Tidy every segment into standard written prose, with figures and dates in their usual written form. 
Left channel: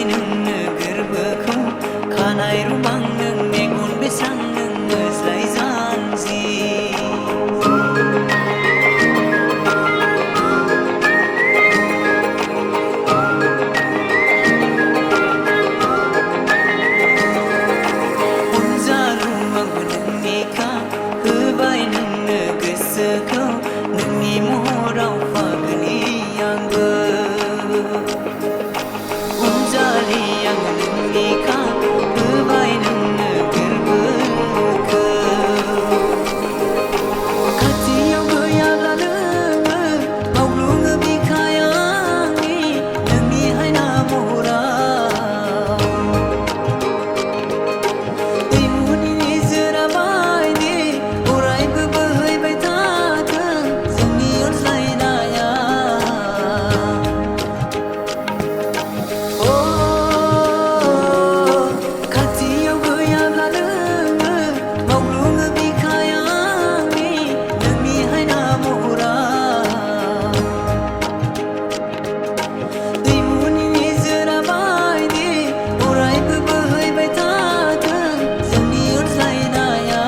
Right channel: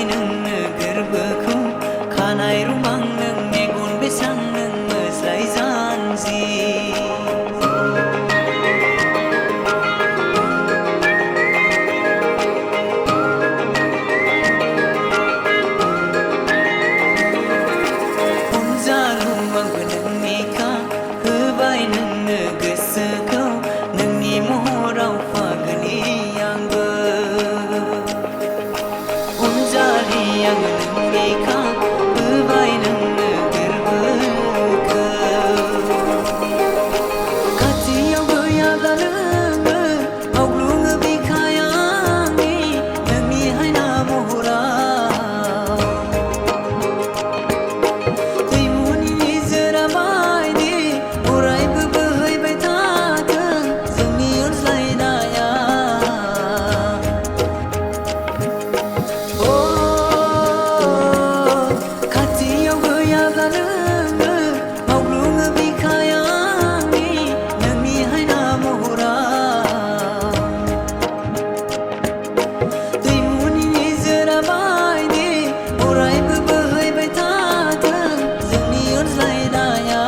होबाय नोंनो गोरबोखौ खानाय रुमां नों मेगन बेसां नों मोज्लाय जानजि अनजालु आंबो नोंनिखा होबाय नोंनो गोसोखौ नोंनि महराव फागोनि आंबो अनजालि आङो नोंनिखा होबाय नोंनो गोरबोखौ खाथियाव गैयाब्ला नोङो मावग्लुङो बिखाया आंनि नोंनि हायना महराव दैमुनि निजोरा बायदि अरायबो बोहैबाय थाथों जोंनि अनज्लायनाया खाथियाव गैयाब्ला नोङो मावग्लुङो बिखाया आंनि नोंनि हायना महराव दैमुनि निजोरा बायदि अरायबो बोहैबाय थाथों जोंनि अनज्लायनाया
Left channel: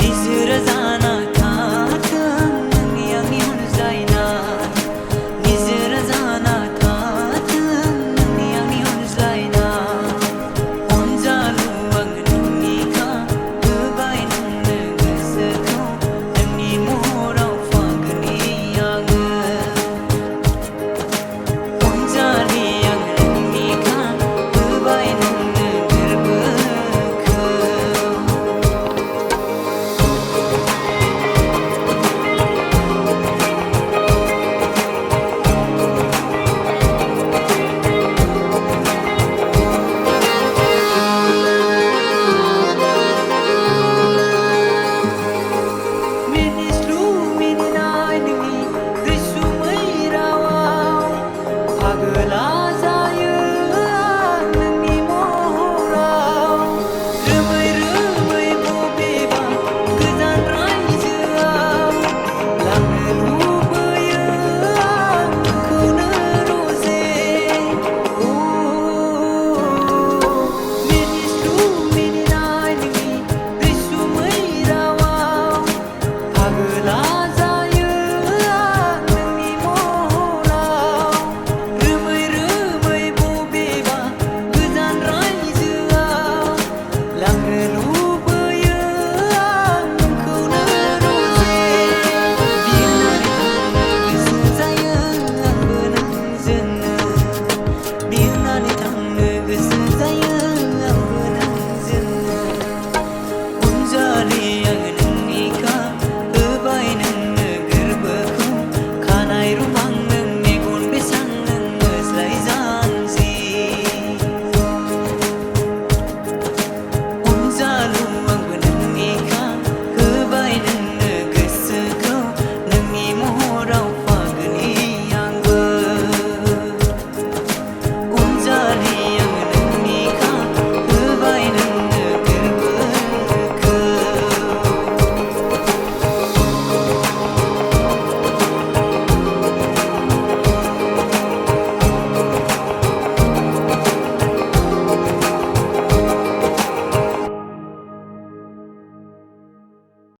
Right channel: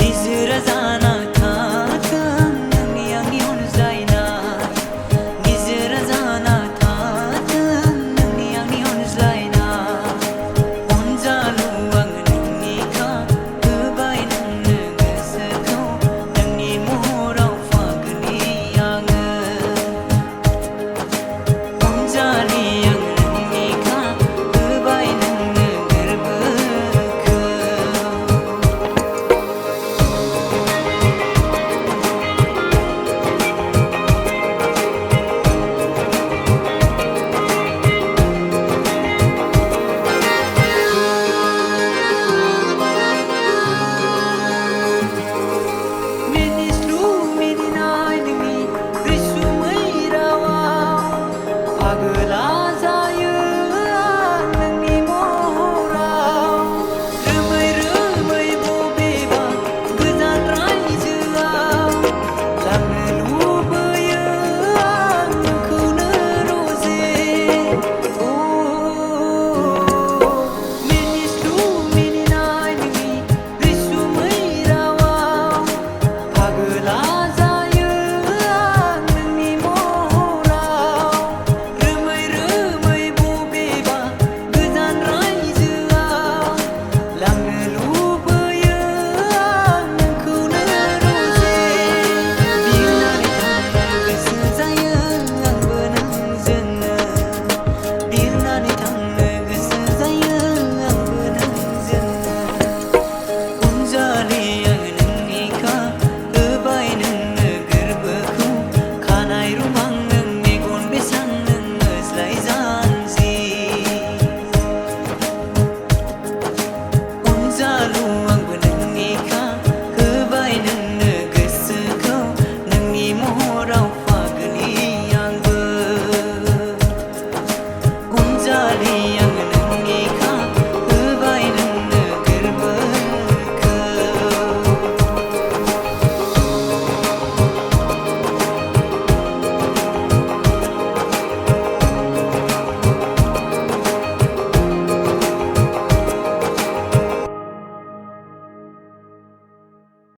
निजोरा जाना थाथों नोंनि आंनि अनज्लायनाय निजोरा जाना